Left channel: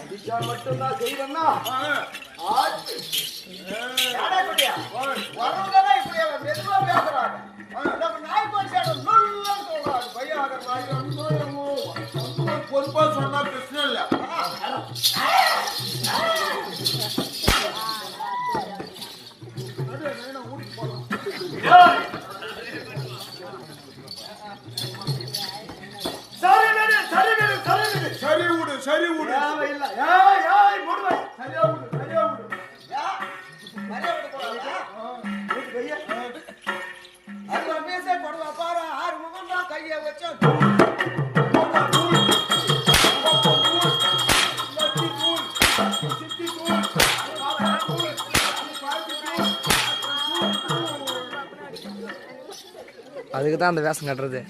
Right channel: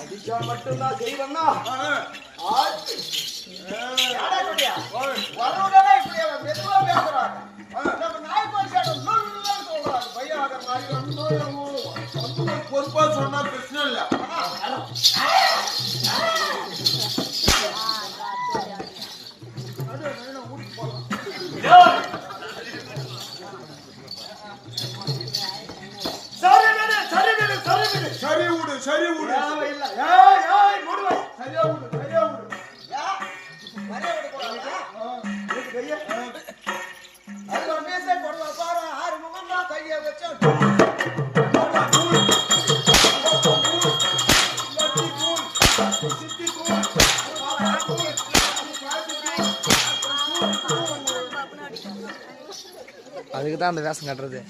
அடிச்சா மட்டும்தான் செய்வண்ணா. பொறுப்பா சொன்னா பிரச்சனை இல்ல. சரி விடு சரி விடு இல்ல ஏய் ஏய் மூடுவை சரியா விடு சரியா விடு. மரியாதை கொடுக்கறாங்க. கைய அது மீசை போடுவா பாரு. ஆறு முகம் தான் கையை வச்சு அதுக்கு தான் அந்த வேஷம் கட்டுறது.